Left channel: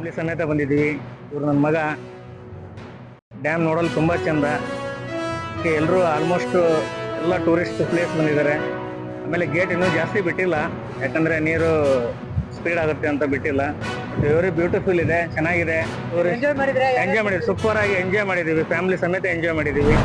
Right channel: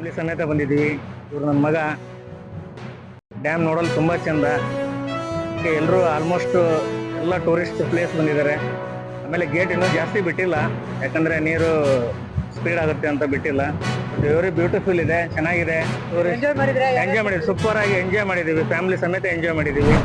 Family ಸಮೇತ ಬಂದಿದ್ದೀವಿ. ಇವ್ರು ನನ್ನ ಮಗ. ಡ್ಯಾಮ್ ನೋಡಲು ತುಂಬ ಚಂದ. ಎಲ್ಲರೂ ಆಲ್ಮೋಸ್ಟ್ ಎಲ್ಲ ಟೂರಿಸ್ಟ್ ಪ್ಲೇಸ್ ಬಂದಿದ್ದಾರೆ. ಆಮೇಲೆ ಗೇಟ್ ಇನ್ನೂ ಜಾಸ್ತಿ ಬಿಟ್ಟಿಲ್ಲ, ಯಾಕಂದರೆ ನೀರು ಸ್ಪೀಡ್ ಆಗುತ್ತೆ ಅಂತ ಬಿಟ್ಟಿಲ್ಲ. ಬಟ್ ವೆರಿ ಬ್ಯೂಟಿಫುಲ್ ಇದೆ, ಚೆನ್ನಾಗಿದೆ. ಎಂಜಾಯ್ ಮಾಡಿದ್ರೆ ಎಂಜಾಯ್ ಮಾಡಿದ್ವಿ, ಸೂಪರ್ ಆಗಿ ಎಂಜಾಯ್ ಮಾಡಿದ್ದೀವಿ. ಫ್ಯಾಮಿಲಿ ಸಮೇತ ಎಂಜಾಯ್ ಮಾಡಿದ್ದೀವಿ.